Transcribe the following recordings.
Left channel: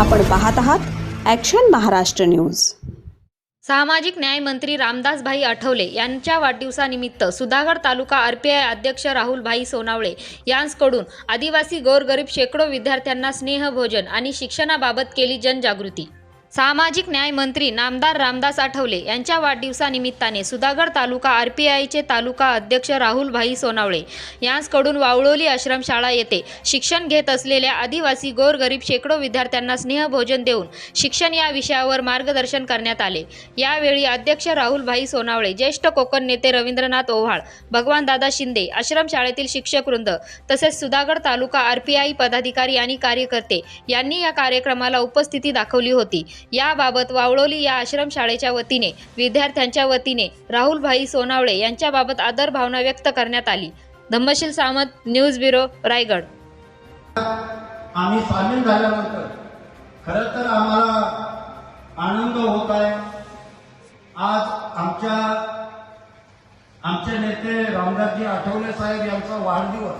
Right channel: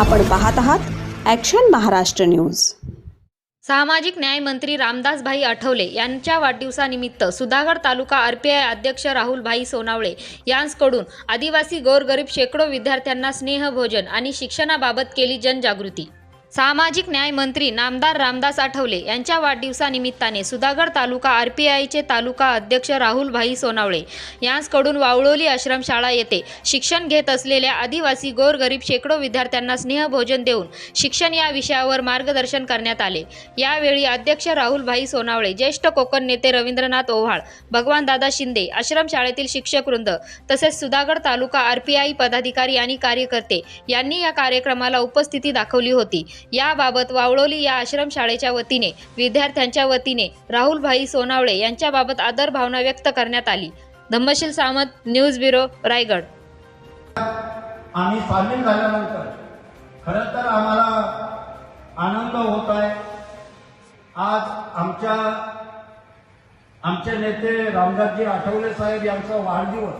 आपण पाहत आहात ॲक्शन महाराष्ट्र न्यूज सामाजिक न्याय मंत्री रामदासभाई आठवले यांच्या वाढदिवसानिमित्त सुधागड तालुका आरपीआय अध्यक्ष राहुलभाई सोनावळे यांकडून आदिवासी गोरगरीब शेकडो विद्यार्थ्यांना स्नेहभोजन आणि शिक्षणाबाबत केली जनजागृती. सामाजिक न्याय मंत्री नामदार रामदास आठवले यांच्या वाढदिवसानिमित्ताने सुधागड तालुका आर पी आयचे तालुका अध्यक्ष राहुलभाई सोनावळे यांचकडून वावळोली आश्रमशाळा येथे शिक्षण घेत असलेल्या आदिवासी गोरगरीब शेकडो विद्यार्थ्यांना स्नेहभोजन देऊन शिक्षण या विषयावर मार्गदर्शन करण्यात आले. यावेळी अध्यक्ष राहुलभाई सोनावळे ज्येष्ठ कोकण नेते रवींद्रनाथ ओव्हाळ भगवानदादा शिंदे आश्रमशाळेतील शिक्षकवृंद तसेच Sudhagad taluka R P I पदाधिकारी आणि कार्यकर्ते यांनी या कार्यक्रमाला उपस्थिती दाखवली होती. याबाबत वावळोली या आश्रमशाळेच्या वतीने विद्यार्थ्यांच्या वतीने राहुलभाई सोनावळे यांच्याबाबत आदर भावना व्यक्त करण्यात आली. Dhammasheel Samant news bureau Raigad. आम्ही सामील झाल्यानंतर खरं तर आम्हाला आनंद होत आहे. आज आमच्या आमचे नेते रामदासजी आठवले साहेब यांचा वाढदिवस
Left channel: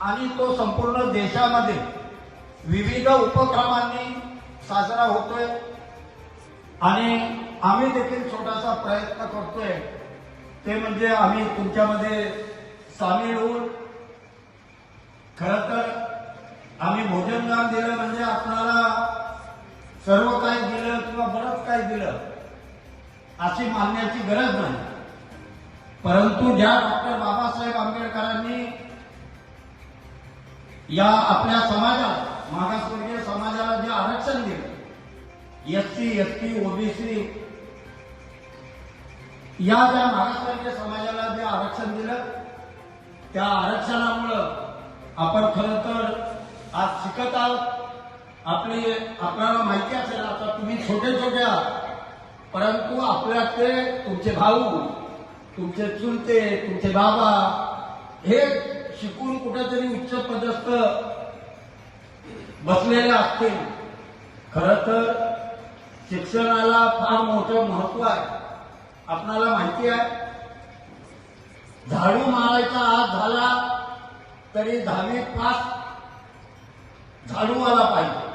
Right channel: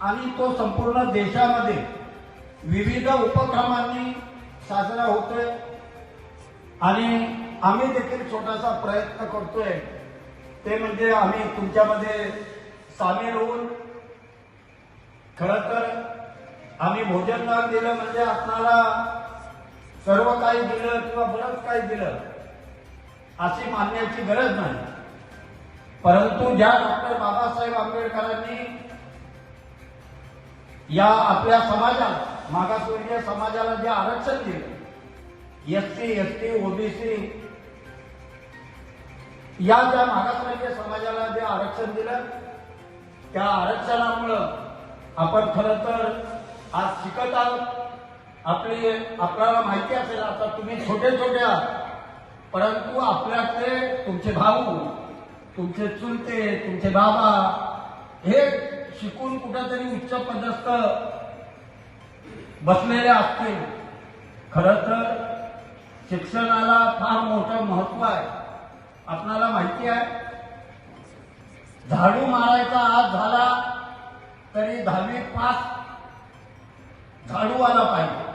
आणि तो संपूर्ण देशामध्ये विविध उपक्रमांनी साजरा होतोय. आणि आम्ही देखील छोटासा प्रयत्न करतोय. ते म्हणजे आम्ही तुमच्यामध्ये सामील होऊन खरं तर आम्ही भोजनदान दिलं म्हणजे आपणाला सर्व काही दिलं किंवा बरंच काही दिलं अशी मानण्याची गरज नाही. परंतु ज्या डॉक्टर बाबासाहेब आंबेडकरांनी या आपल्या समाजात मागासवर्गीय समाजाला जे आरक्षण दिलं S ST S T OBC या ज्या महाराष्ट्राच्या समाजाला जे आरक्षण दिलं त्या आरक्षणामुळं आपण खरं तर आज शिकत आहोत. आपली आपल्याला माहिती असेल आता तुम्ही छोटे छोटे आहात. परंतु आपल्यातले तुमचे भाऊ तुमचे चुलते तुमचे बाबा हे शिकून कुठेतरी उच्च पदस्थ बसलेले असतील. खरं तर शिक्षणाला फार मोठं महत्त्व आहे. आपणाला माहिती आहे झाडू मारायचा आज झाला तरी दहावी पास झाडू आला पाहिजे.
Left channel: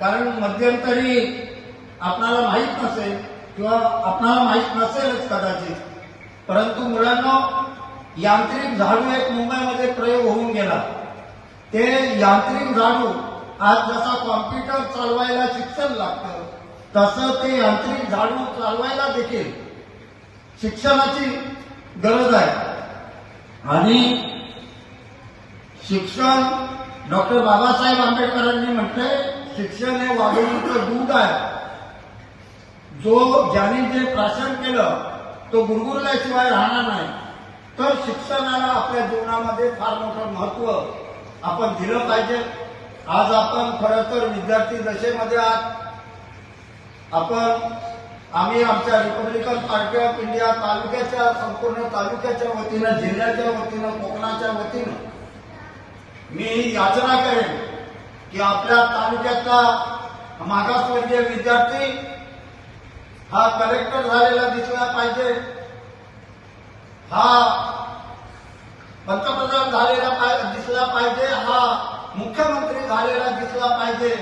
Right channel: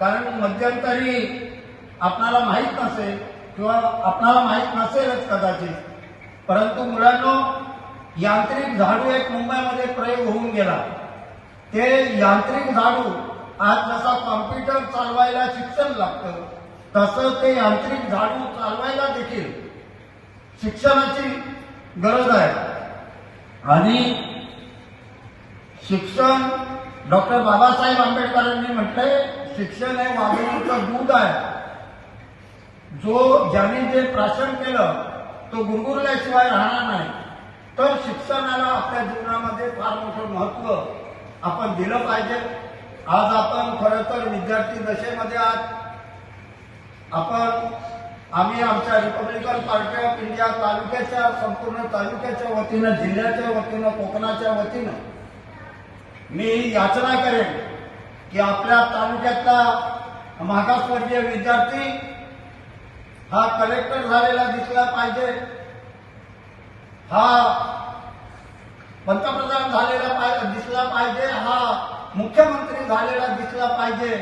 कारण मध्यंतरी आपणाला माहीत नसेल किंवा आपणाला माहीत नसेलच कदाचित. परंतु मुलांना यांत्रिक झाडू एक मुंबईमध्ये प्रयोग होऊन गेला. ते यांत्रिक झाडू आज जसा कॉम्प्युटर चालवायला शिक्षण लागतं तसं ते यांत्रिक झाडू चालवायला देखील शिक्षणाची गरज आहे. आणि शिक्षण डॉक्टर बाबासाहेब आंबेडकरांनी म्हटलंय शिक्षण हे वाघिणीचं दूध आहे. जो ज्यांनी जे प्राशन केलं तो गुंगुरल्याशिवाय राहणार नाही. तर शिक्षणाला आपल्या जीवनामध्ये फार मोठं महत्त्व आपण दिलं पाहिजे. आज आपण खरं तर विद्यार्थी दशेमध्ये आहात. आपण आम्ही आमच्या रिपब्लिकन पार्टी ऑफ इंडिया तालुक्याच्या संपूर्ण तालुक्याच्या वतीनं जिल्ह्याच्या वतीनं कोकणाच्या वतीनं मी ही याचना करेन की आपल्या तालुक्यातला मागासवर्गीय विद्यार्थी हा कलेक्टर झालेला दिसला पाहिजे. हा पंतप्रधान झालेला दिसला पाहिजे. हा मुख्यमंत्री झालेला दिसला पाहिजे.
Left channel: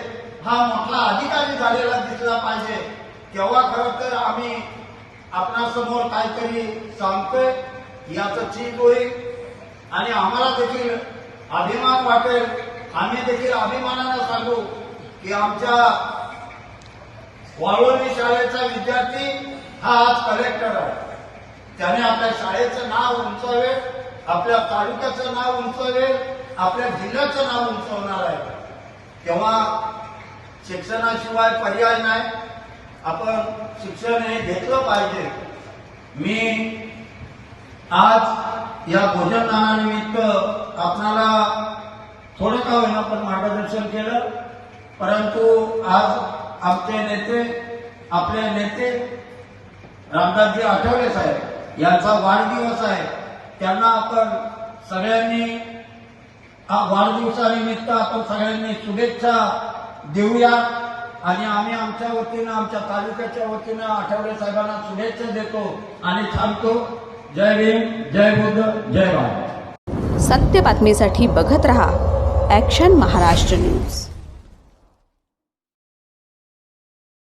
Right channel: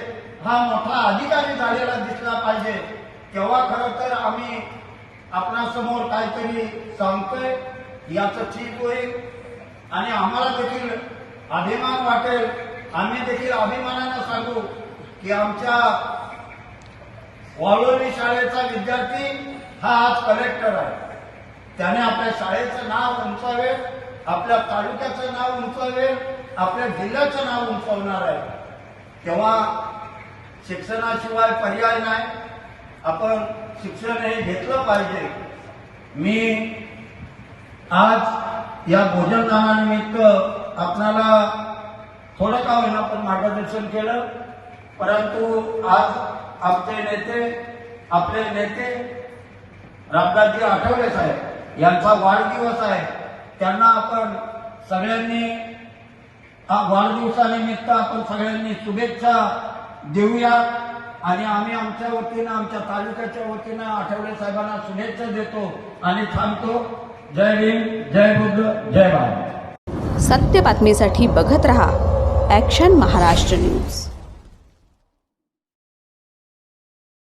हा मोठा अधिकारी झालेला दिसला पाहिजे. तेव्हा खरं तर आम्ही आपणासमोर काहीतरी सांगतोय. याचं चीज होईल. आणि आम्हाला देखील अभिमान वाटेल. आम्ही देखील अभिमानानं सांगू की आमच्या वाळवणी शाळेचा विद्यार्थी हा आज कलेक्टर आहे. त्याने आपल्या शाळेचं नाव उंचावेल. आपल्या तालुक्याचं नाव उंचवेल आपल्या जिल्ह्याचं नाव उंचवणार आहे. तेव्हा शिक्षणाशिवाय पर्याय नाही. आपण शिक्षणही घेतलं पाहिजे. मी आज या भोजनदानानिमित्त आपणाला थोडं का होईना आपण मार्गदर्शन केलं. परंतु आज आमचे नेते आपले नेते रामदासजी आठवले साहेब यांचा वाढदिवस आहे. त्यांना आपण सगळ्यांनी हा वाढदिवसानिमित्त आपण सगळ्यांनी शुभेच्छा देऊया. आणि आम्ही आमच्या वतीनं आमच्या तालुक्याच्या वतीनं आठवडे साहेबांना शुभेच्छा देतो आणि थांबतो. जय भीम जय बुद्ध जय भारत. सत्य बातमीसाठी बघत रहा ॲक्शन महाराष्ट्र न्यूज